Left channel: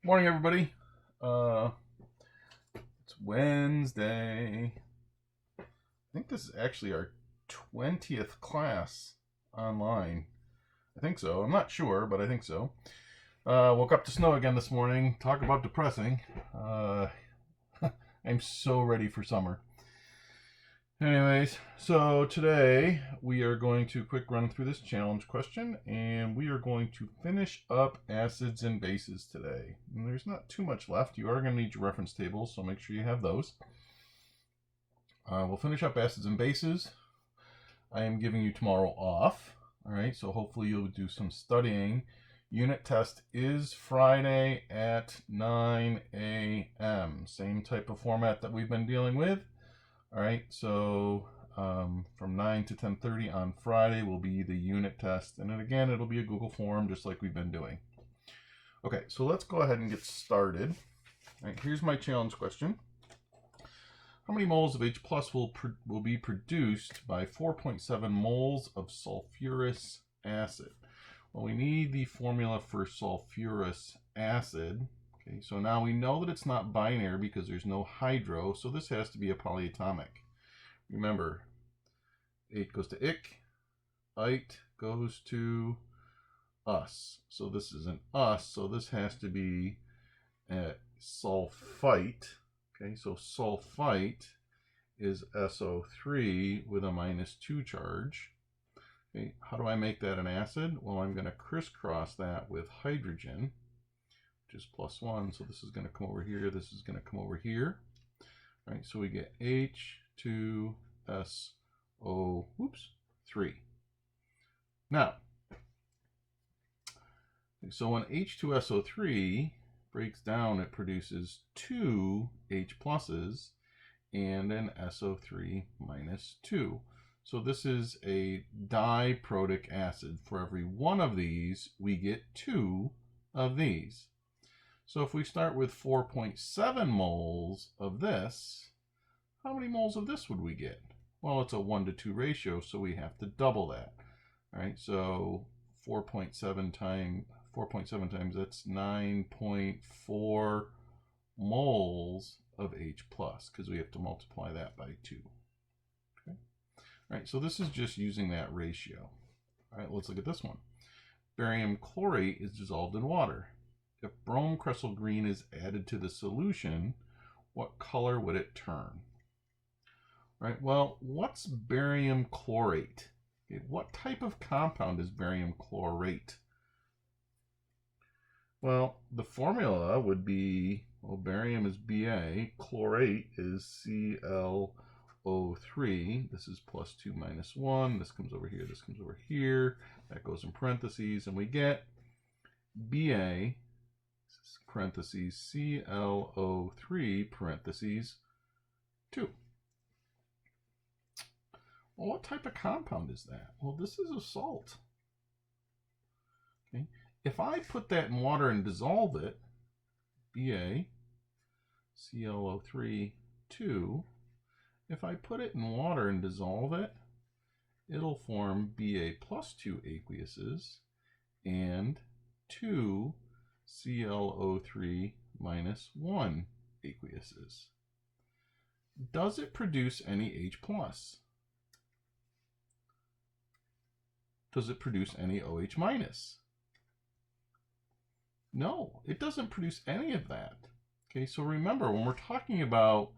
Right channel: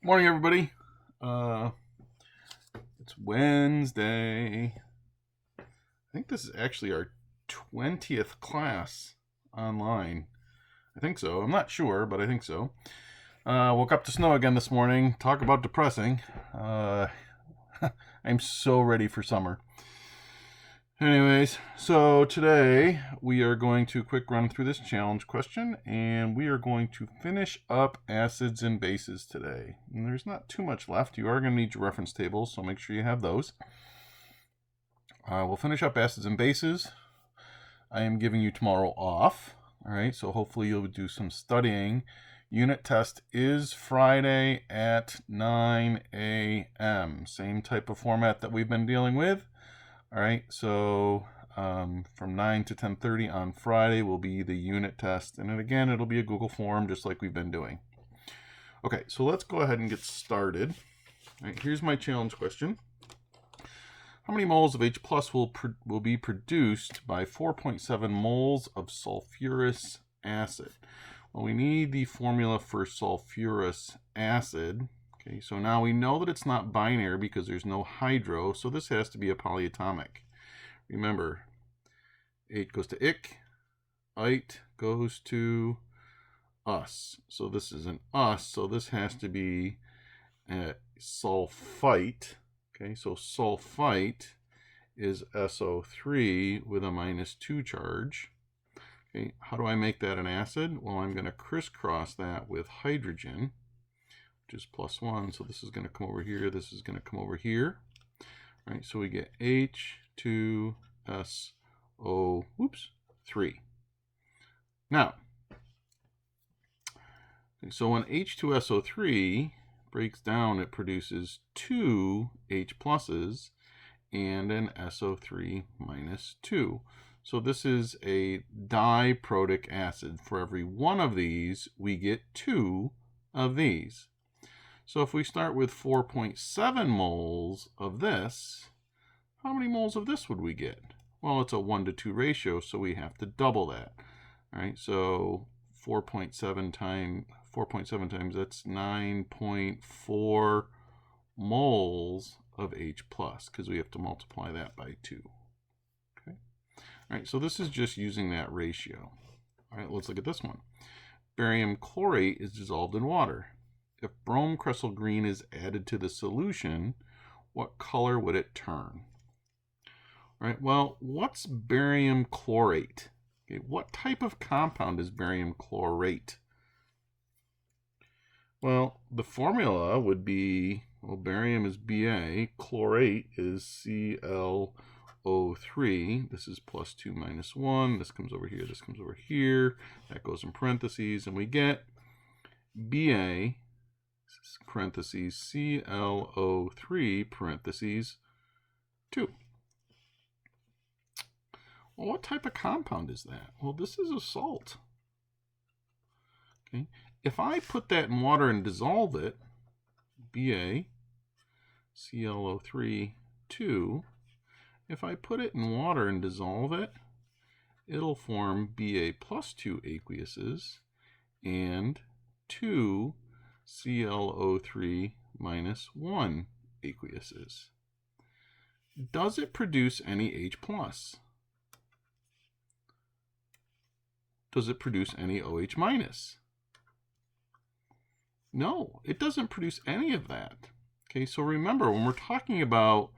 Morning, everybody. It's Wednesday. I think this is actually our 20th class online. I think so. I'm not sure, but I think so. Woke up to snow again this morning. Talk about depressing. I'm so ready for summer. Anyways, so today we are going to quick run through this challenge question, and we are going to finish up acids and bases today. And there's not too much left. You are going to need your reference tables, so make sure you have those. We'll finish up acids and bases. I am giving you tomorrow off. All right, so hopefully you'll do some studying. Unit test is Friday at 9 a.m. Same type of format that we've been dealing with. All right, so from 9 to 10:30 on Friday will be the unit test. And then again, it'll be a Google form just like we've been doing. Okay, so let's go ahead and get started. All right, here's my challenge question. How many moles of H plus will be produced by 4.7 moles of sulfurous acid? Well, we need the formula for sulfurous acid. Okay, so now we know that it's not binary because there's no hydro, so this has to be a polyatomic. Remember, H goes to ich, ite goes to us. So this is an us, so this has to be a sulfite. Okay, so sulfite is SO3 with a -2 charge. Okay, how do I make that an acid? Well, I'm going to crisscross that with hydrogen, which is +1. So this is going to come over here. This is going to come over here. All right, so we get H2SO3. Now, so when H2SO3 breaks down, it produces 2 H pluses and an SO3 -2. So this is a diprotic acid. For every one of these, we get 2 of these. So if we start with 4.7 moles of this, how many moles of this would we get? Well, it's a 1-to-2 ratio, so we have to double that. All right, so 4.7 times, that's 9.4 moles of H plus, because we have to multiply that by 2. Okay. All right, so this is just using that ratio. All right, let's look at this one. Barium chlorate is dissolved in water. If brome cressyl green is added to the solution, what color would it turn? All right, well, what's barium chlorate? Okay, what type of compound is barium chlorate? Well, the formula would be, well, barium is Ba, chlorate is ClO3. This is +2 -1. This comes over here, this comes over here. That goes in parentheses, and we get Ba, parentheses, ClO3, parentheses, 2. Well, what type of compound is that? Well, this is a salt. Okay. If I put that in water and dissolve it, Ba, ClO3, 2, if I put it in water and dissolve it, it'll form Ba +2 aqueuses and 2 ClO3 -1 aqueuses. Does it produce any H plus? Does it produce any OH minus? No, it doesn't produce any of that. Okay, so remember, when we're talking about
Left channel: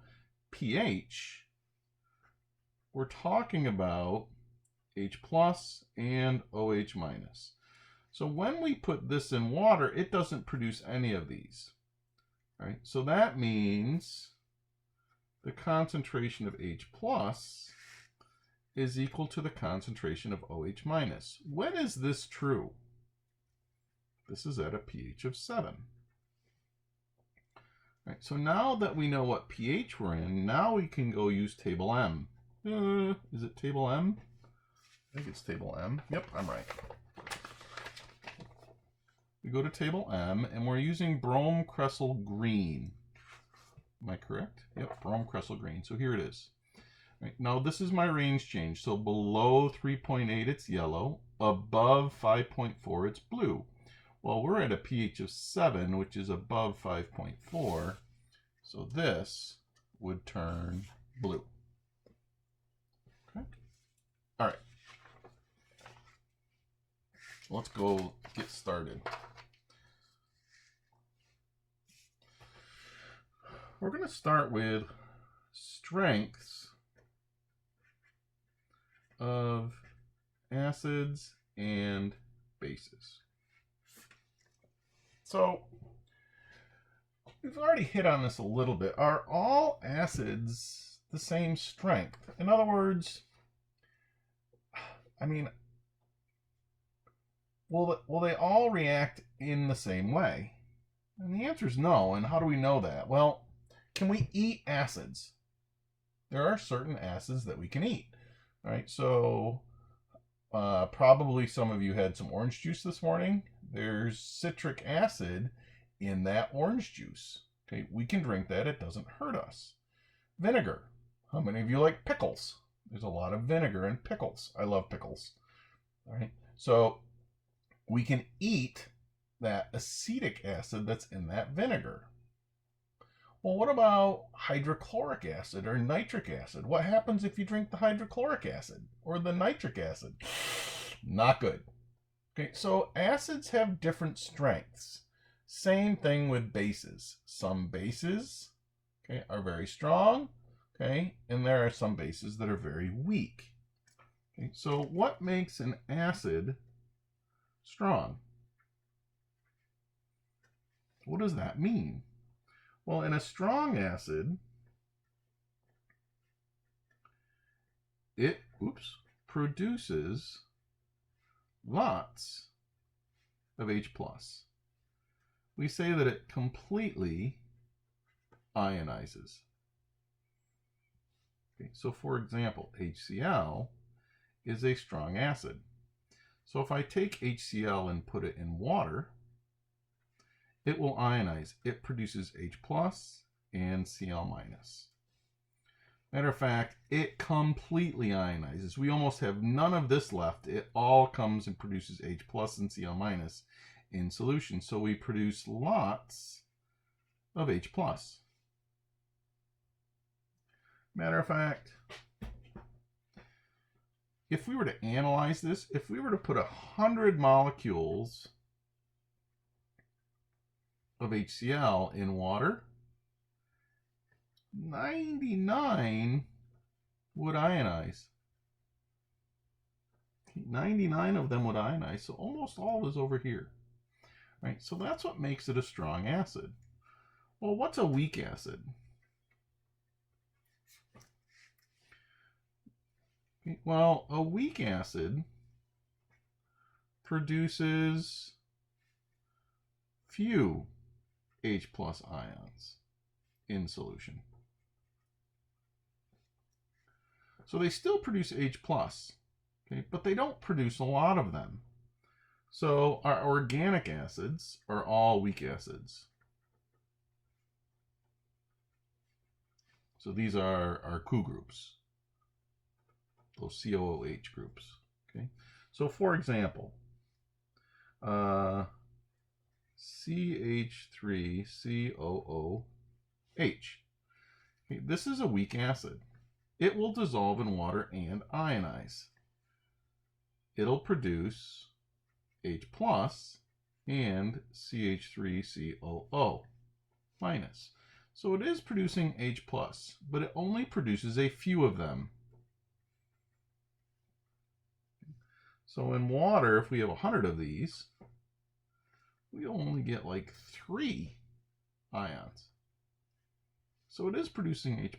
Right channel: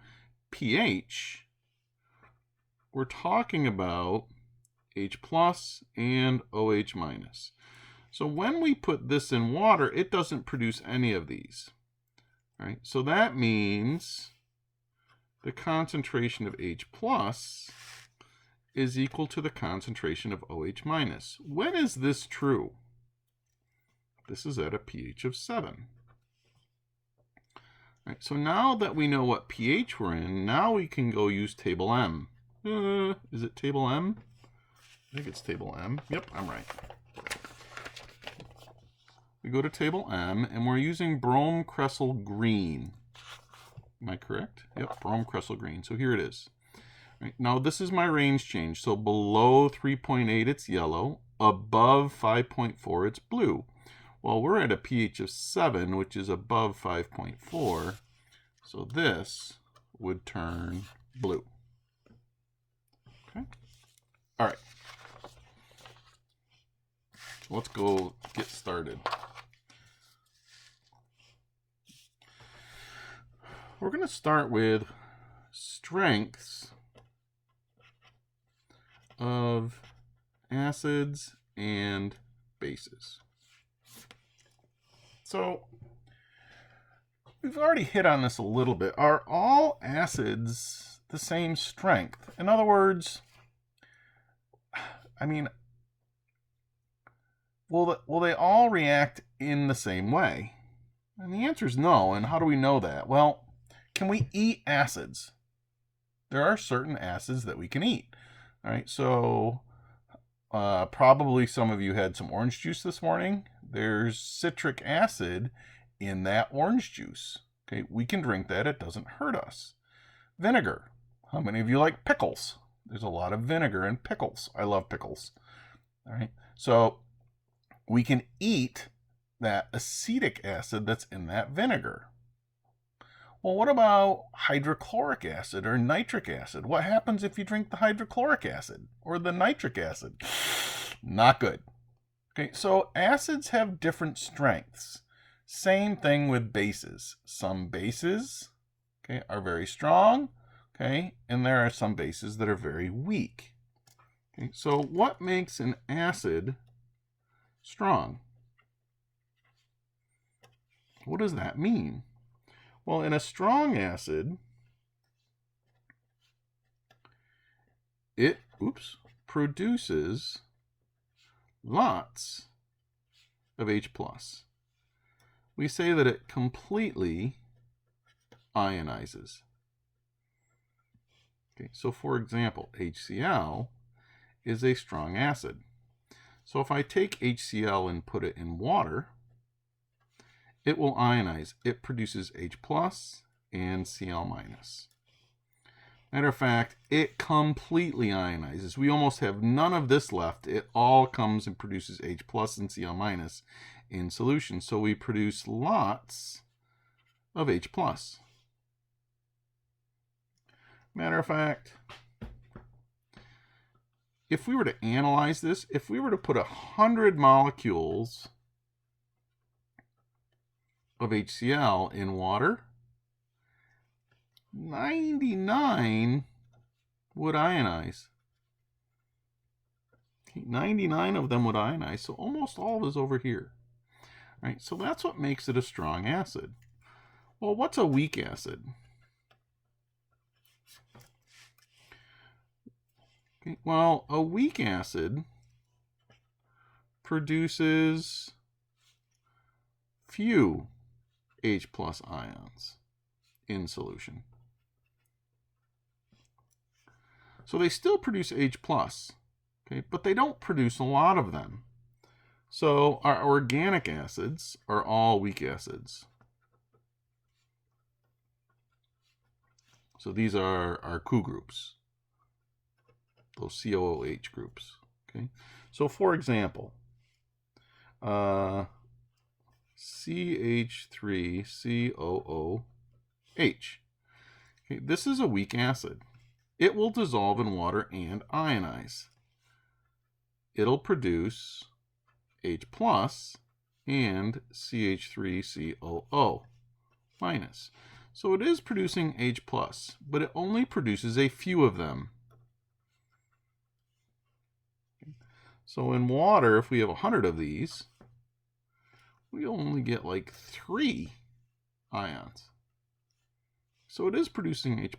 pH, we're talking about H plus and OH minus. So when we put this in water, it doesn't produce any of these. All right, so that means the concentration of H plus is equal to the concentration of OH minus. When is this true? This is at a pH of 7. All right, so now that we know what pH we're in, now we can go use table M. Is it table M? I think it's table M. Yep, I'm right. We go to table M, and we're using brome cressyl green. Am I correct? Yep, brome cressyl green. So here it is. Right, now this is my range change. So below 3.8, it's yellow. Above 5.4, it's blue. Well, we're at a pH of 7, which is above 5.4. So this would turn blue. Okay. All right. Let's go get started. We're going to start with strengths of acids and bases. So we've already hit on this a little bit. Are all acids the same strength? In other words, I mean, will they all react in the same way? And the answer is no. And how do we know that? Well, can we eat acids? There are certain acids that we can eat. All right, so probably some of you had some orange juice this morning. There's citric acid in that orange juice. Okay, we can drink that. It doesn't hurt us. Vinegar. How many of you like pickles? There's a lot of vinegar in pickles. I love pickles. All right, so we can eat that acetic acid that's in that vinegar. Well, what about hydrochloric acid or nitric acid? What happens if you drink the hydrochloric acid or the nitric acid? Not good. Okay, so acids have different strengths. Same thing with bases. Some bases, okay, are very strong, okay, and there are some bases that are very weak. Okay, so what makes an acid strong? What does that mean? Well, in a strong acid, it produces lots of H+. We say that it completely ionizes. Okay, so for example, HCl is a strong acid. So if I take HCl and put it in water, it will ionize. It produces H+ and Cl-. Matter of fact, it completely ionizes. We almost have none of this left. It all comes and produces H+ and Cl- in solution. So we produce lots of H+. Matter of fact, if we were to analyze this, if we were to put 100 molecules of HCl in water, 99 would ionize. 99 of them would ionize, so almost all is over here. Right? So that's what makes it a strong acid. Well, what's a weak acid? Okay, well, a weak acid produces few H+ ions in solution. So they still produce H+, okay, but they don't produce a lot of them. So our organic acids are all weak acids. So these are our Cu groups, those COOH groups. Okay, so for example, CH3COOH. Okay, this is a weak acid. It will dissolve in water and ionize. It'll produce H+ and CH3COO-. So it is producing H+, but it only produces a few of them. So in water, if we have 100 of these, we only get like 3 ions. So it is producing H+,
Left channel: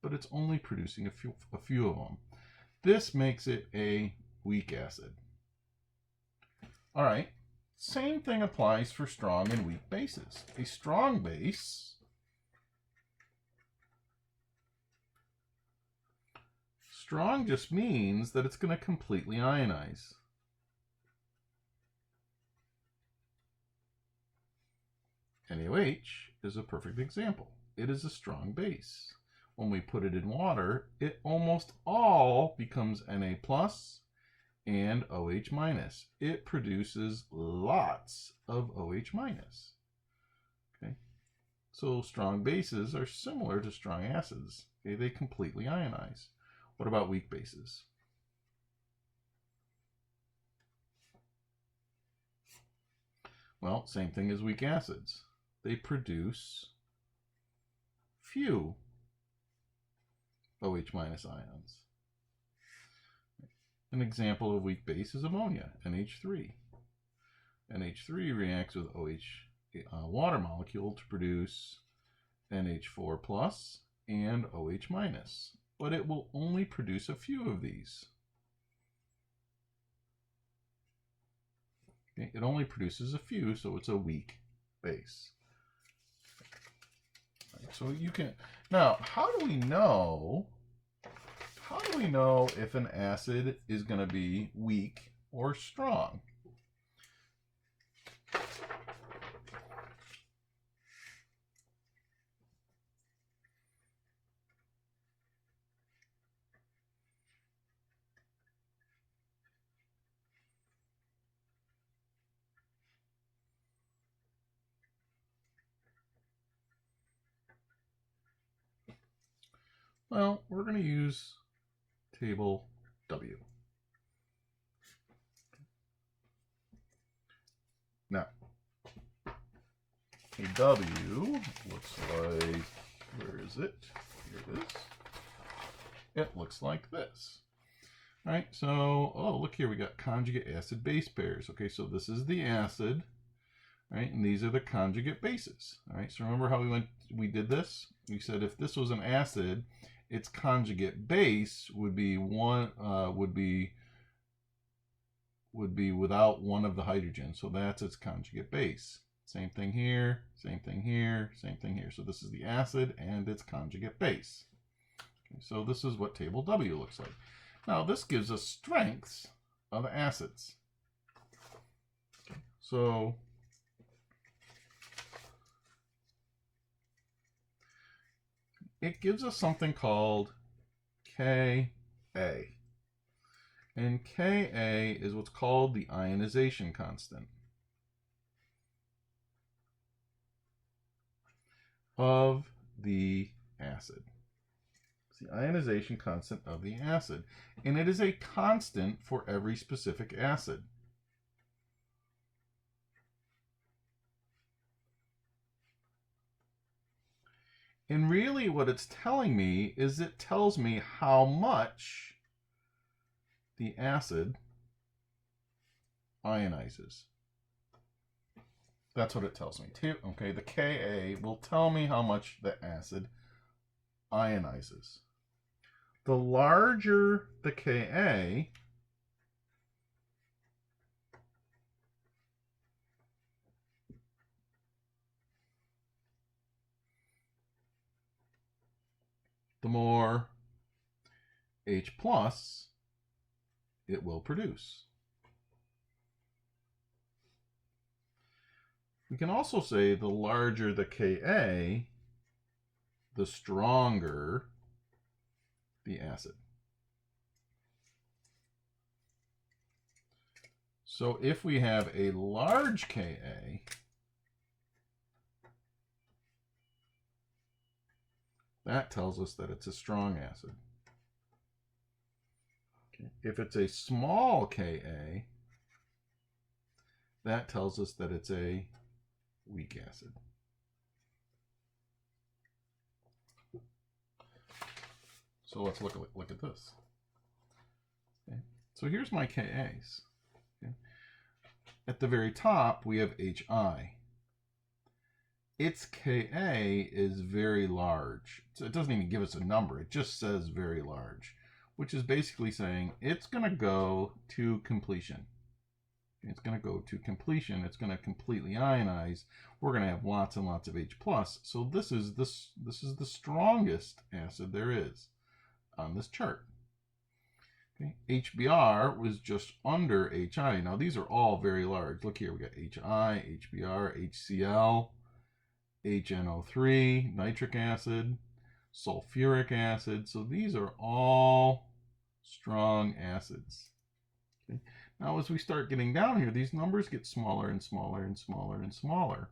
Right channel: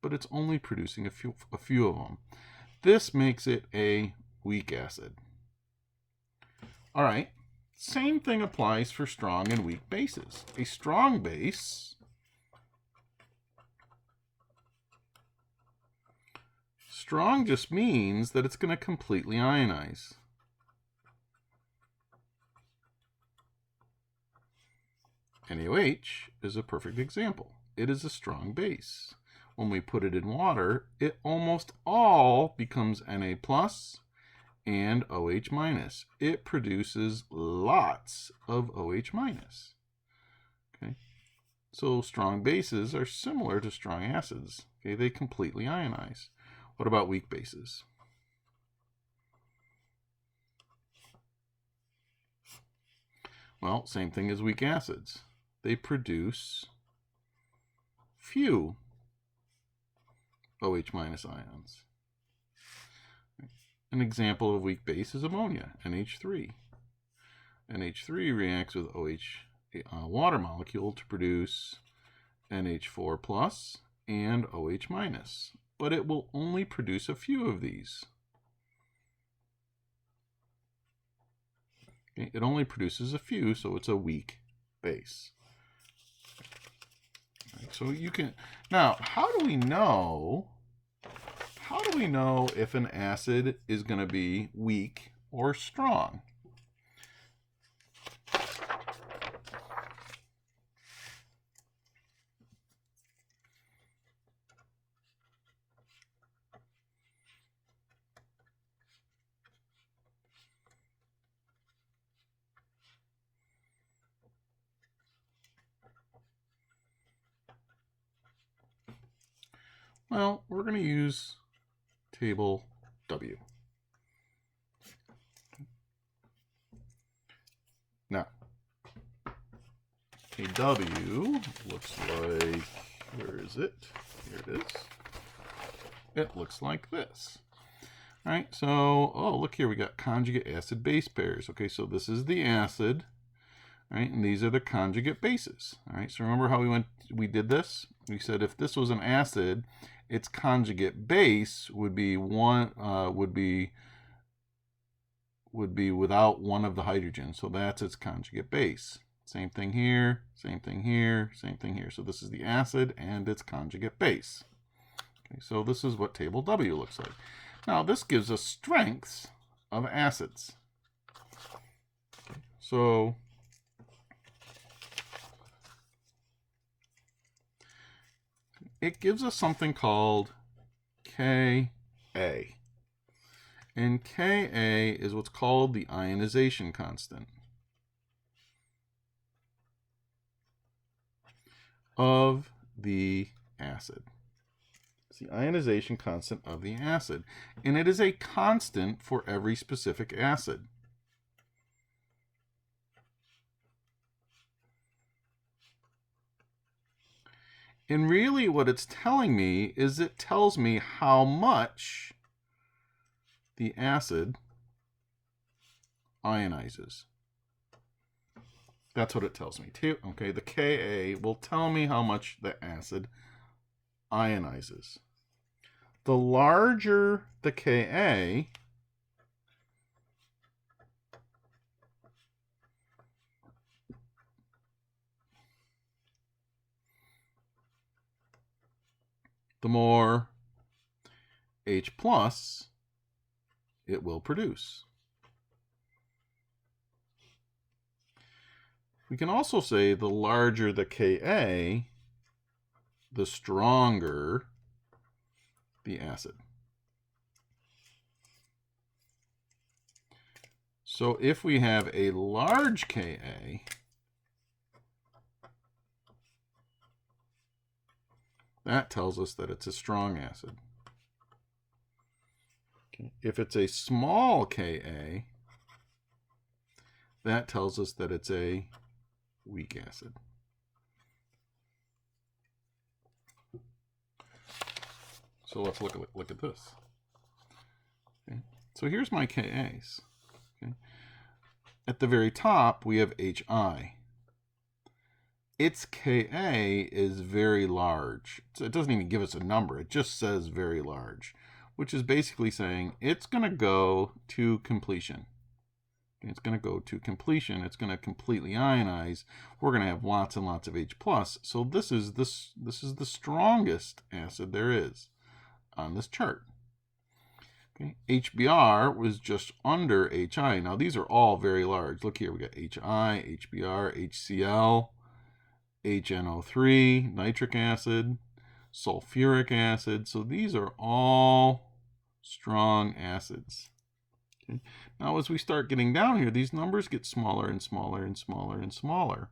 but it's only producing a few of them. This makes it a weak acid. All right, same thing applies for strong and weak bases. A strong base strong just means that it's going to completely ionize. NaOH is a perfect example. It is a strong base. When we put it in water, it almost all becomes Na+, and OH minus. It produces lots of OH minus. Okay, so strong bases are similar to strong acids. Okay, they completely ionize. What about weak bases? Well, same thing as weak acids. They produce few OH minus ions. An example of a weak base is ammonia, NH3. NH3 reacts with OH water molecule to produce NH4 plus and OH minus, but it will only produce a few of these. Okay, it only produces a few, so it's a weak base. Right, so you can, now, how do we know if an acid is going to be weak or strong? Well, we're going to use table W. Now, a W looks like, where is it? Here it is. It looks like this. All right, so, oh, look here, we got conjugate acid base pairs. Okay, so this is the acid, right? And these are the conjugate bases. All right, so remember how we did this? We said if this was an acid, its conjugate base would be without one of the hydrogens. So that's its conjugate base. Same thing here, same thing here, same thing here. So this is the acid and its conjugate base. Okay, so this is what table W looks like. Now this gives us strengths of acids. Okay, so it gives us something called Ka. And Ka is what's called the ionization constant of the acid. It's the ionization constant of the acid. And it is a constant for every specific acid. And really what it's telling me is it tells me how much the acid ionizes. That's what it tells me. Okay, the Ka will tell me how much the acid ionizes. The larger the Ka, the more H plus it will produce. We can also say the larger the Ka, the stronger the acid. So if we have a large Ka, that tells us that it's a strong acid. Okay. If it's a small Ka, that tells us that it's a weak acid. So let's look at this. Okay. So here's my Kas. Okay. At the very top, we have Hi. Its Ka is very large. So it doesn't even give us a number. It just says very large, which is basically saying it's going to go to completion. It's going to go to completion. It's going to completely ionize. We're going to have lots and lots of H+. So this is the strongest acid there is on this chart. Okay. HBr was just under Hi. Now these are all very large. Look here, we got Hi, HBr, HCl, HNO3, nitric acid, sulfuric acid. So these are all strong acids. Okay. Now, as we start getting down here, these numbers get smaller and smaller and smaller and smaller.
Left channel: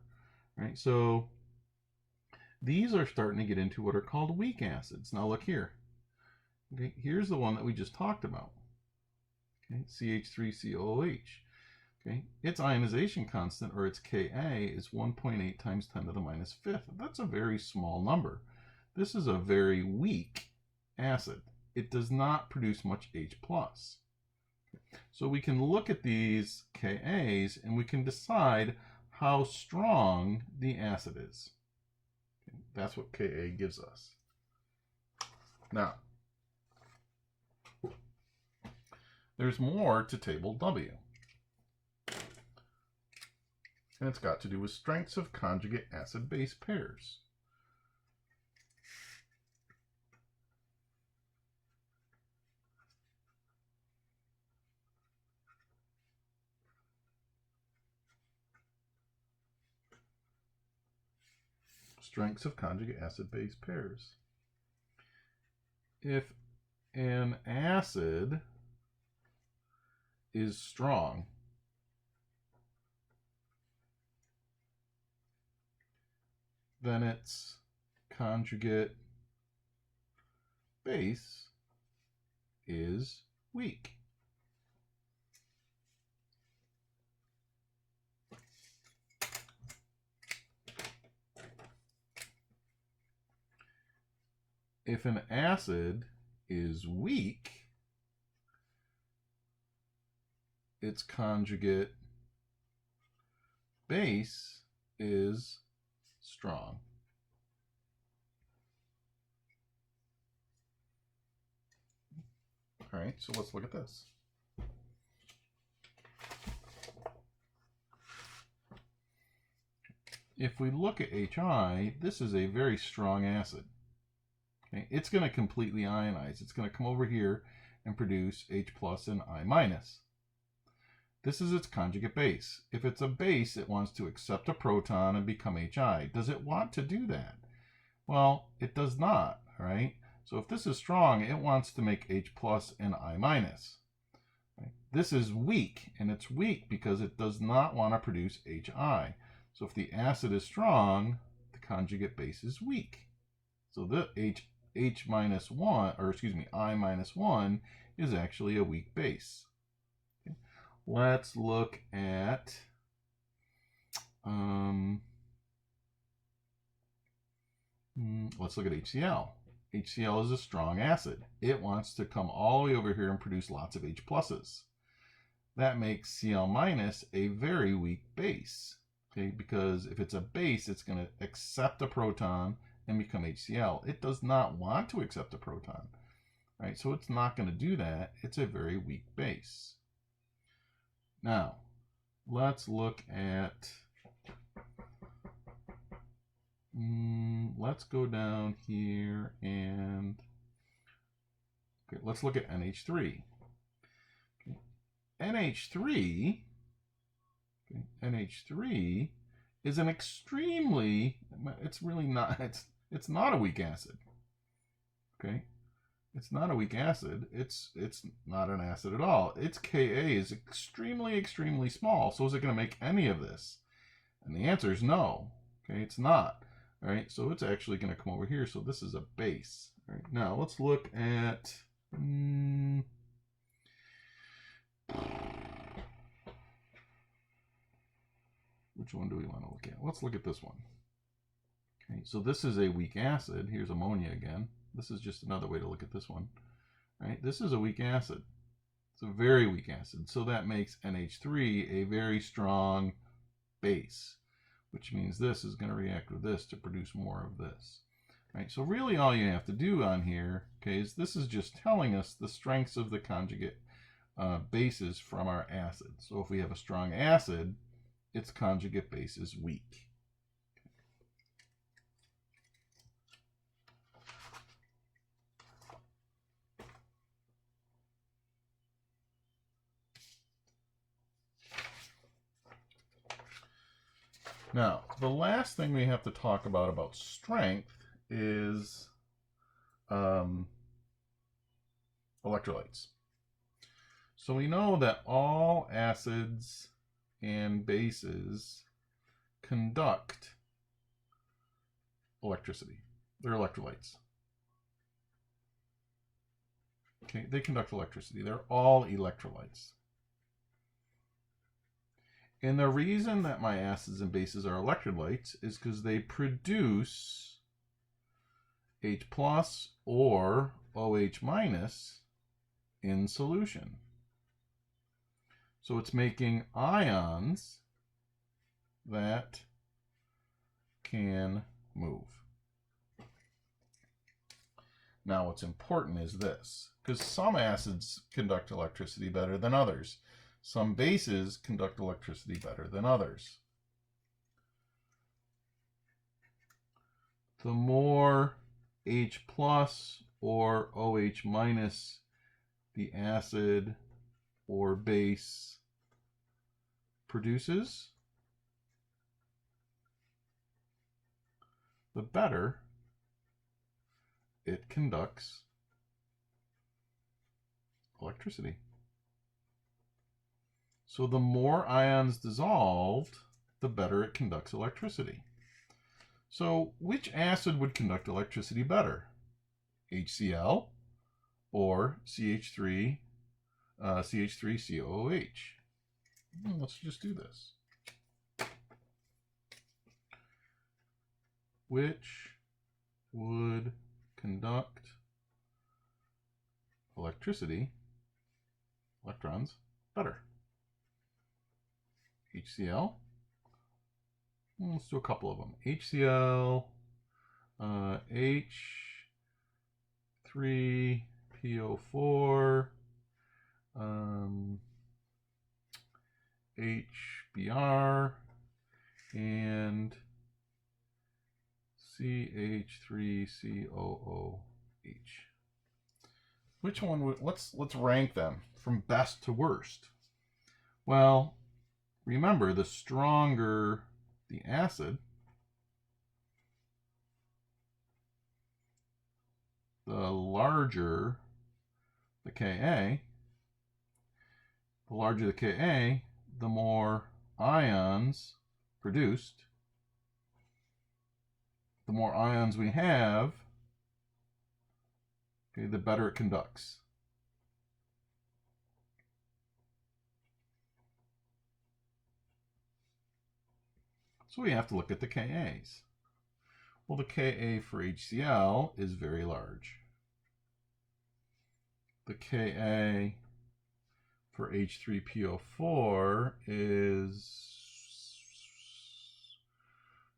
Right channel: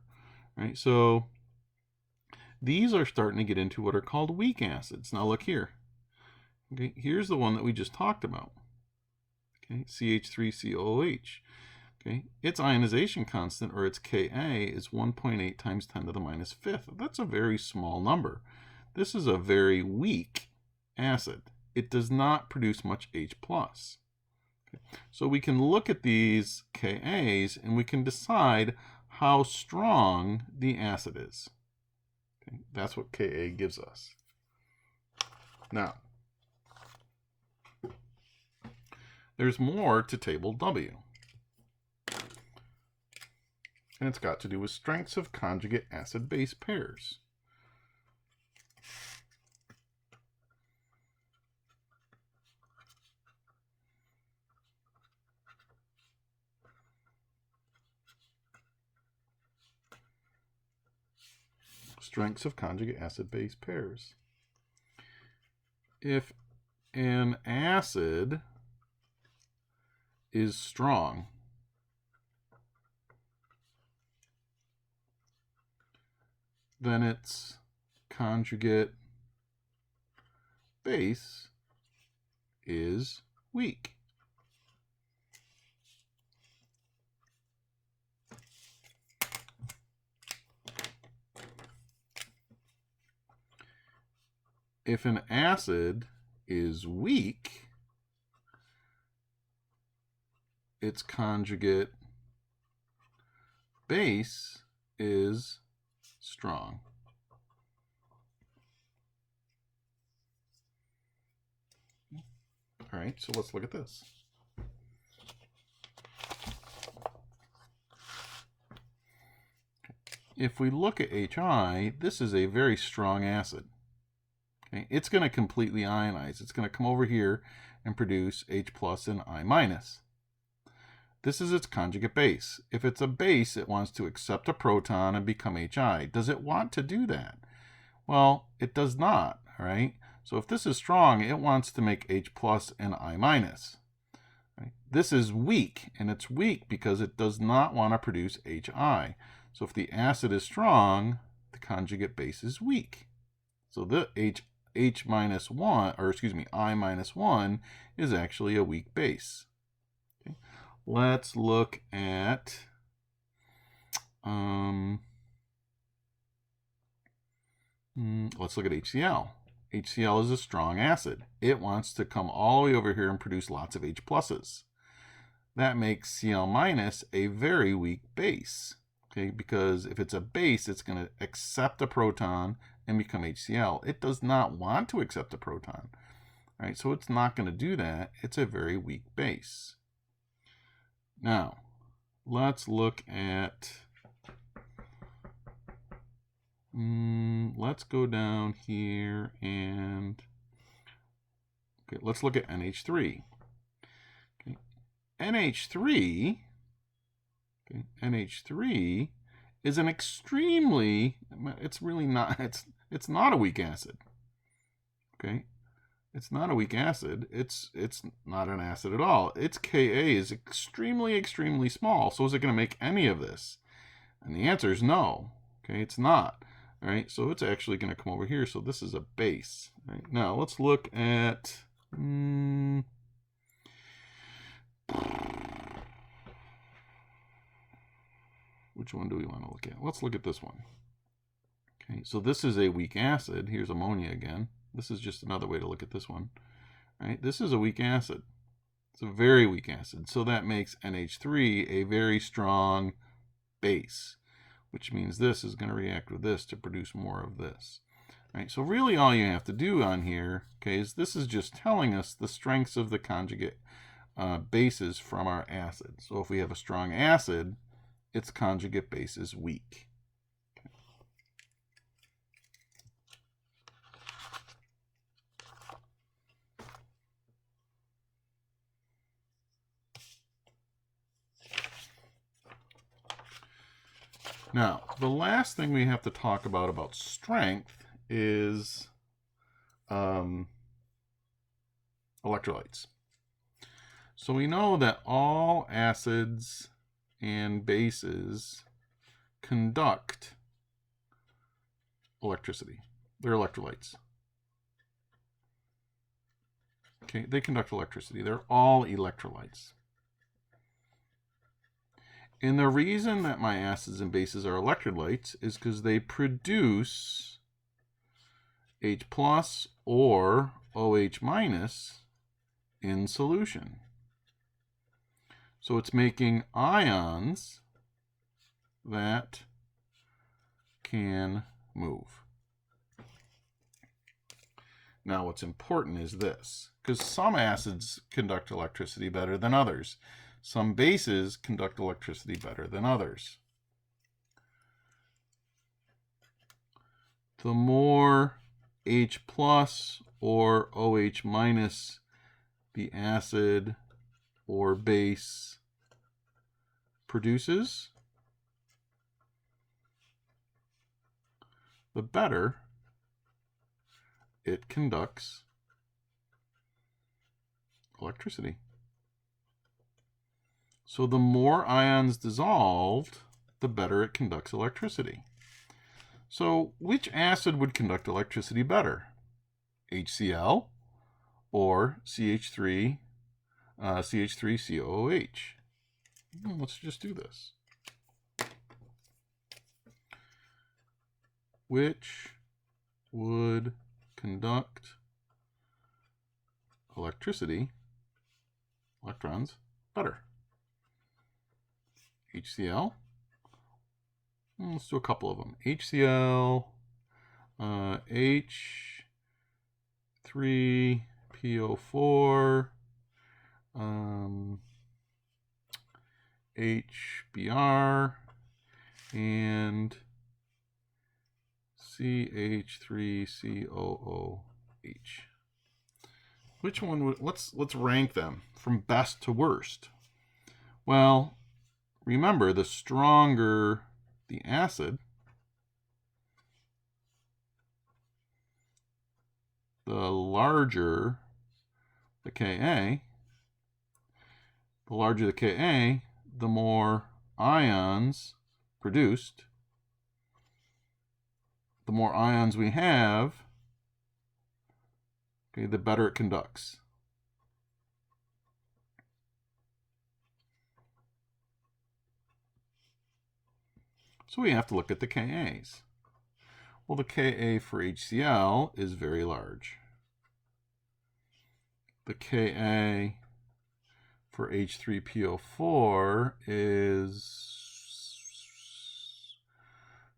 Right? So these are starting to get into what are called weak acids. Now look here. Okay, here's the one that we just talked about. Okay, CH3COOH. Okay, its ionization constant, or its Ka, is 1.8 times 10 to the minus fifth. That's a very small number. This is a very weak acid. It does not produce much H+. Okay. So we can look at these Kas and we can decide how strong the acid is. Okay. That's what Ka gives us. Now, there's more to table W. And it's got to do with strengths of conjugate acid-base pairs. Strengths of conjugate acid-base pairs. If an acid is strong, then its conjugate base is weak. If an acid is weak, its conjugate base is strong. All right, so let's look at this. If we look at HI, this is a very strong acid. Okay, it's going to completely ionize. It's going to come over here and produce H+ and I-. This is its conjugate base. If it's a base, it wants to accept a proton and become HI. Does it want to do that? Well, it does not, all right? So if this is strong, it wants to make H+ and I-. Right? This is weak, and it's weak because it does not want to produce HI. So if the acid is strong, the conjugate base is weak. So the I-1 is actually a weak base. Okay. Let's look at HCl. HCl is a strong acid. It wants to come all the way over here and produce lots of H+. That makes Cl- a very weak base. Okay, because if it's a base, it's going to accept a proton and become HCl. It does not want to accept a proton, right? So it's not going to do that. It's a very weak base. Now, let's look at, let's go down here and, okay, let's look at NH3. Okay. NH3 is an extremely, it's really not, it's not a weak acid. Okay, it's not a weak acid. It's not an acid at all. Its Ka is extremely small. So is it going to make any of this? And the answer is no. Okay, it's not. All right, so it's actually going to come over here. So this is a base. All right, now let's look at. Which one do we want to look at? Let's look at this one. Okay, so this is a weak acid. Here's ammonia again. This is just another way to look at this one. Right? This is a weak acid. It's a very weak acid. So that makes NH3 a very strong base, which means this is going to react with this to produce more of this. Right? So really all you have to do on here, okay, is this is just telling us the strengths of the conjugate bases from our acid. So if we have a strong acid, its conjugate base is weak. Okay. Now, the last thing we have to talk about strength is electrolytes. So we know that all acids and bases conduct electricity. They're electrolytes. Okay, they conduct electricity. They're all electrolytes. And the reason that my acids and bases are electrolytes is because they produce H plus or OH minus in solution. So it's making ions that can move. Now what's important is this, because some acids conduct electricity better than others. Some bases conduct electricity better than others. The more H plus or OH minus the acid or base produces, the better it conducts electricity. So the more ions dissolved, the better it conducts electricity. So which acid would conduct electricity better? HCl or CH3, CH3COOH? Let's just do this. Which would conduct electricity, electrons, better? HCl. Let's do a couple of them. HCl, H3PO4, HBr, and CH3COOH. Which one would, let's rank them from best to worst. Well, remember, the stronger the acid, the larger the Ka. The larger the Ka, the more ions produced. The more ions we have, okay, the better it conducts. So we have to look at the Kas. Well, the Ka for HCl is very large. The Ka for H3PO4 is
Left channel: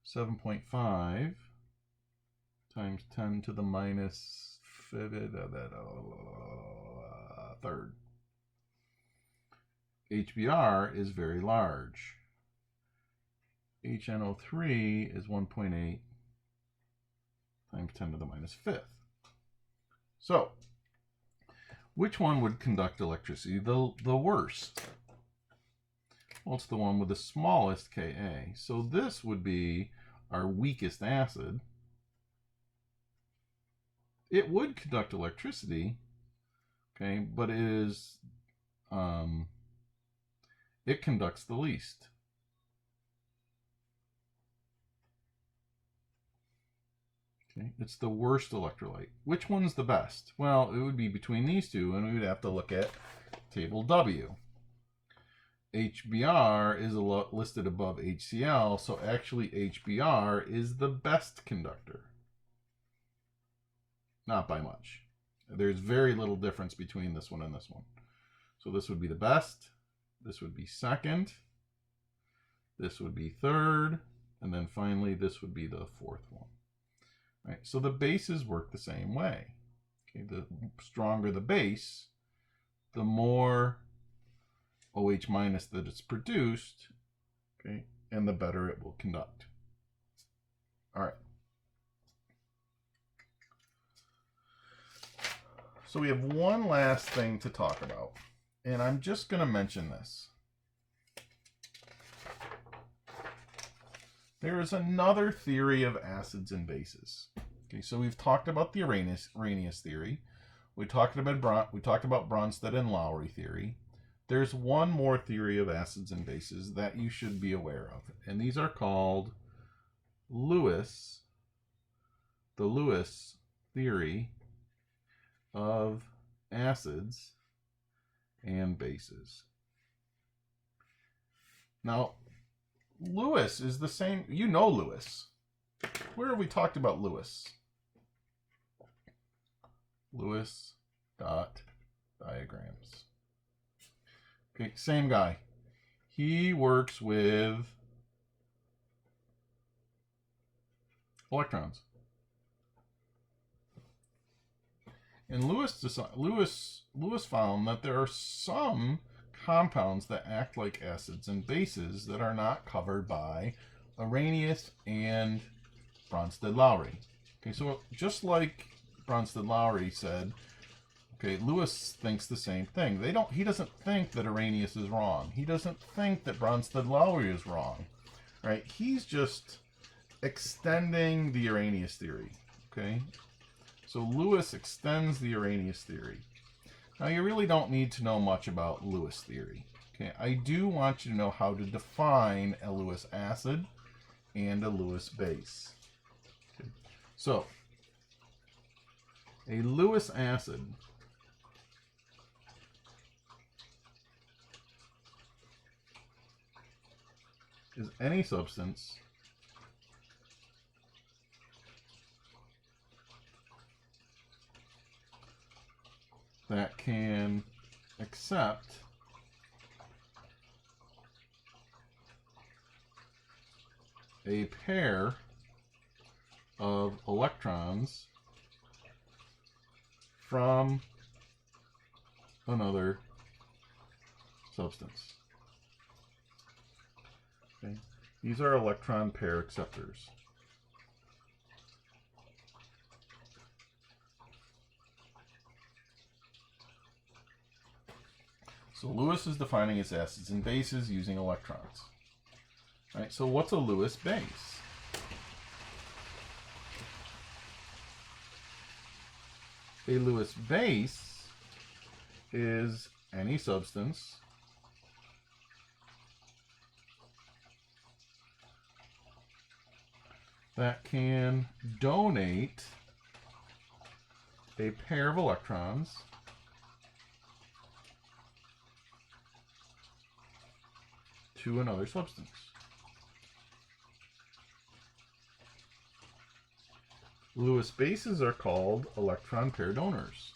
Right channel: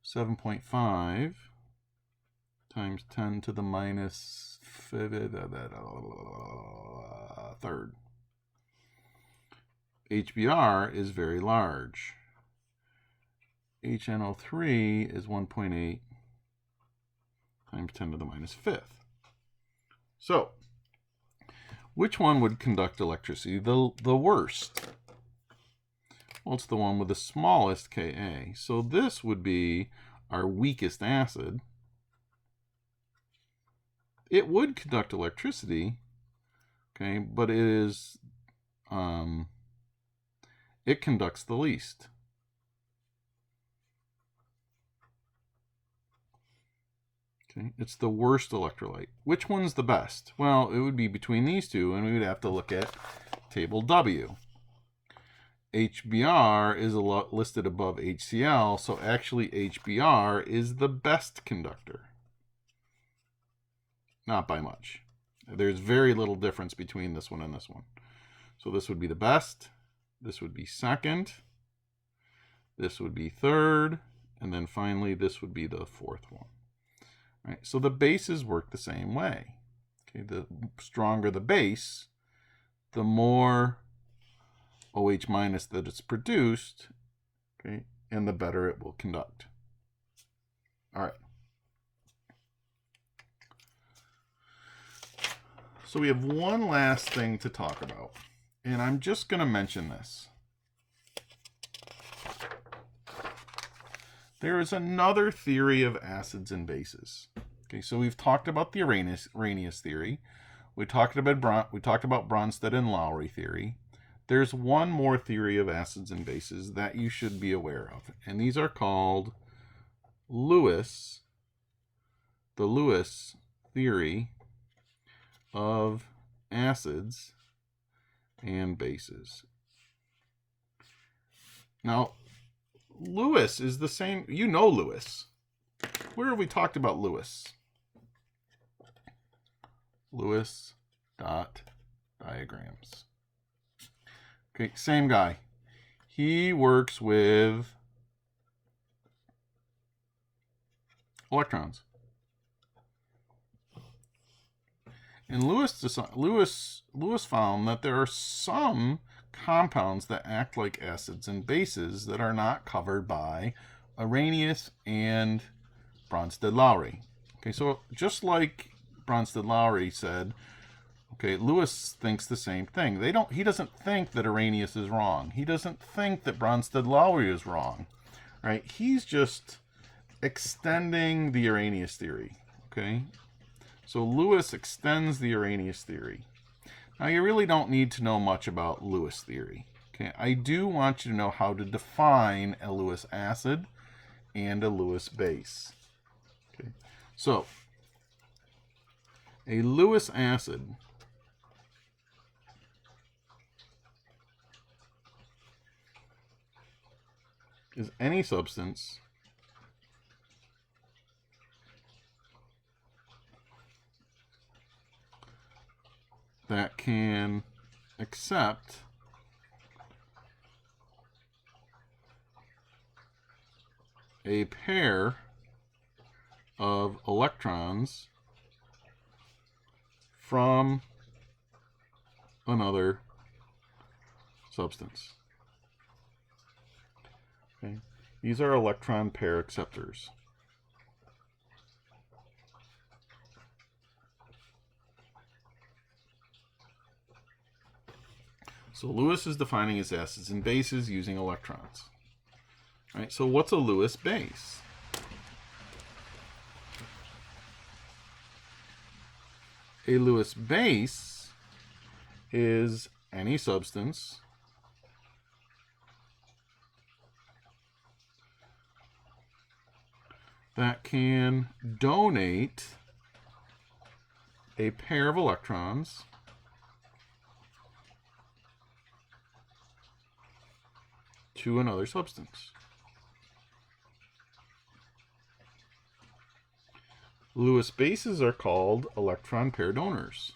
7.5 times 10 to the minus third. HBr is very large. HNO3 is 1.8 times 10 to the minus fifth. So, which one would conduct electricity the worst? Well, it's the one with the smallest Ka. So this would be our weakest acid. It would conduct electricity, okay, but it is, it conducts the least. Okay, it's the worst electrolyte. Which one's the best? Well, it would be between these two, and we would have to look at table W. HBr is listed above HCl, so actually HBr is the best conductor. Not by much. There's very little difference between this one and this one. So this would be the best, this would be second, this would be third, and then finally this would be the fourth one. Right, so the bases work the same way. Okay, the stronger the base, the more OH minus that it's produced, okay, and the better it will conduct. All right. So we have one last thing to talk about, and I'm just going to mention this. There is another theory of acids and bases. Okay, so we've talked about the Arrhenius theory. We talked about Bronsted and Lowry theory. there's one more theory of acids and bases that you should be aware of. And these are called the Lewis theory of acids and bases. Now, Lewis is the same, you know Lewis. Where have we talked about Lewis? Lewis dot diagrams. Okay, same guy. He works with electrons. And Lewis found that there are some compounds that act like acids and bases that are not covered by Arrhenius and Bronsted-Lowry. Okay, so just like Bronsted-Lowry said, okay, Lewis thinks the same thing. He doesn't think that Arrhenius is wrong. He doesn't think that Bronsted-Lowry is wrong, right? He's just extending the Arrhenius theory, okay? So Lewis extends the Arrhenius theory. Now, you really don't need to know much about Lewis theory, okay? I do want you to know how to define a Lewis acid and a Lewis base. Okay, so a Lewis acid is any substance that can accept a pair of electrons from another substance. Okay. These are electron pair acceptors. So Lewis is defining his acids and bases using electrons. All right, so what's a Lewis base? A Lewis base is any substance that can donate a pair of electrons to another substance. Lewis bases are called electron pair donors.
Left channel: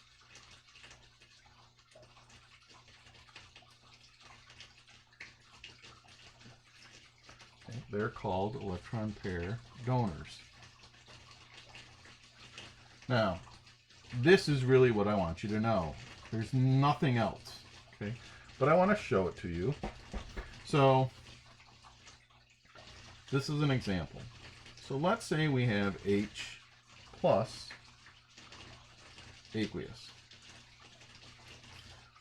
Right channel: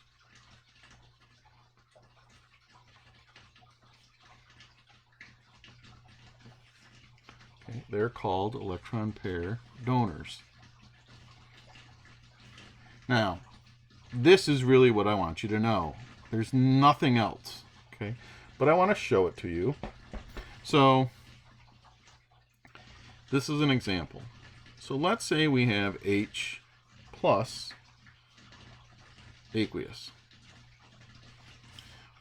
Okay, they're called electron pair donors. Now, this is really what I want you to know. There's nothing else, okay? But I want to show it to you. So, this is an example. So let's say we have H plus aqueous.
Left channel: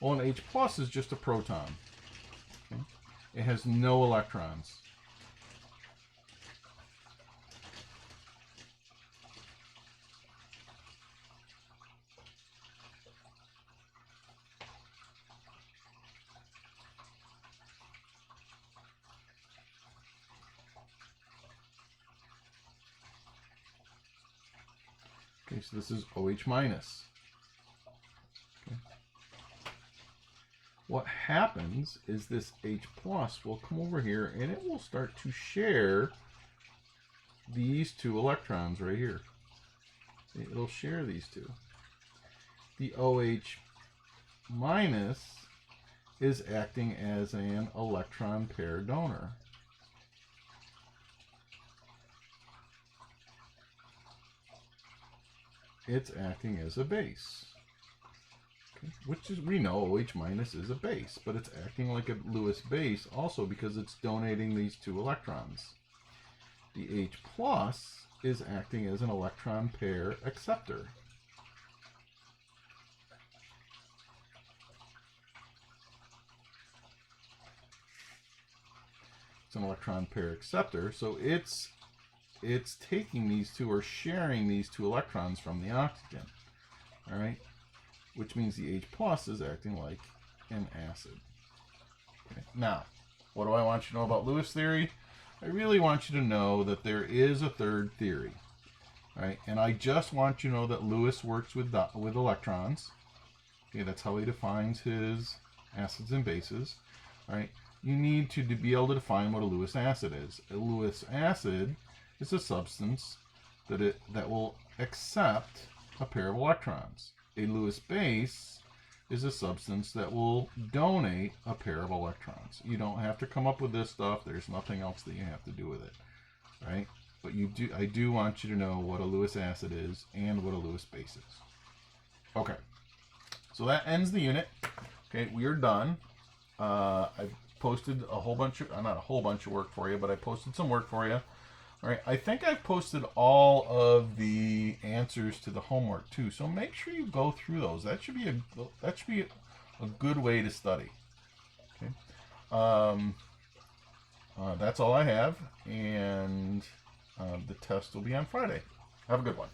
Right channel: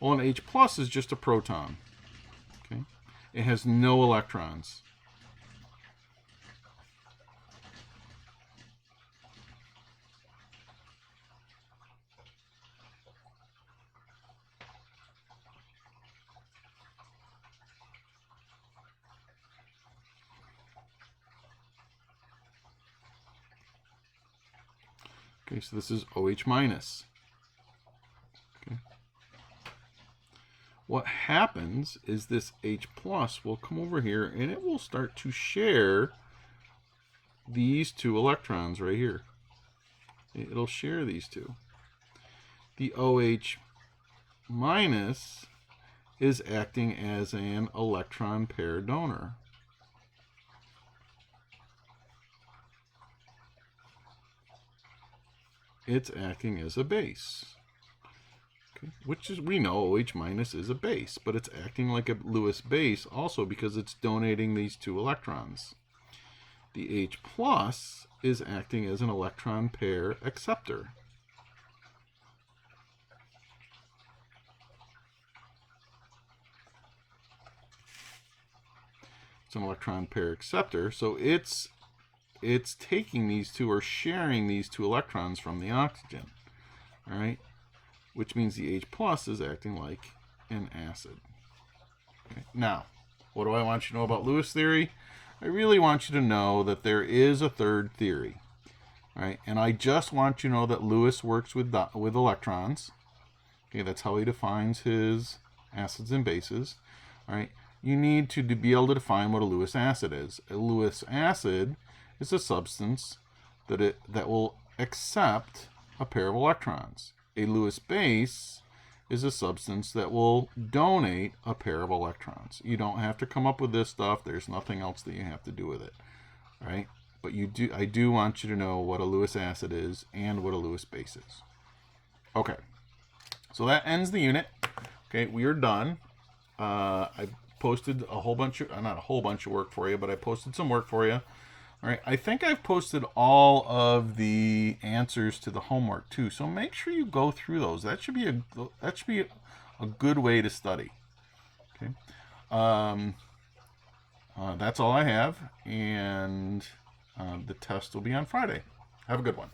Well, an H plus is just a proton. Okay? It has no electrons. Okay, so this is OH minus. Okay. What happens is this H plus will come over here and it will start to share these two electrons right here. It'll share these two. The OH minus is acting as an electron pair donor. It's acting as a base, okay, which is, we know OH minus is a base, but it's acting like a Lewis base also because it's donating these two electrons. The H plus is acting as an electron pair acceptor. It's an electron pair acceptor, so it's taking these two or sharing these two electrons from the oxygen, all right? Which means the H plus is acting like an acid. Okay. Now, what do I want you to know about Lewis theory? I really want you to know that there is a third theory, right? And I just want you to know that Lewis works with electrons. Okay, that's how he defines his acids and bases. All right, you need to be able to define what a Lewis acid is. A Lewis acid is a substance that will accept a pair of electrons. A Lewis base is a substance that will donate a pair of electrons. You don't have to come up with this stuff. There's nothing else that you have to do with it, right? But I do want you to know what a Lewis acid is and what a Lewis base is. Okay, so that ends the unit. Okay, we are done. I posted a whole bunch of, not a whole bunch of work for you, but I posted some work for you. All right, I think I've posted all of the answers to the homework too. So make sure you go through those. That should be a good way to study. Okay, that's all I have, and the test will be on Friday. Have a good one.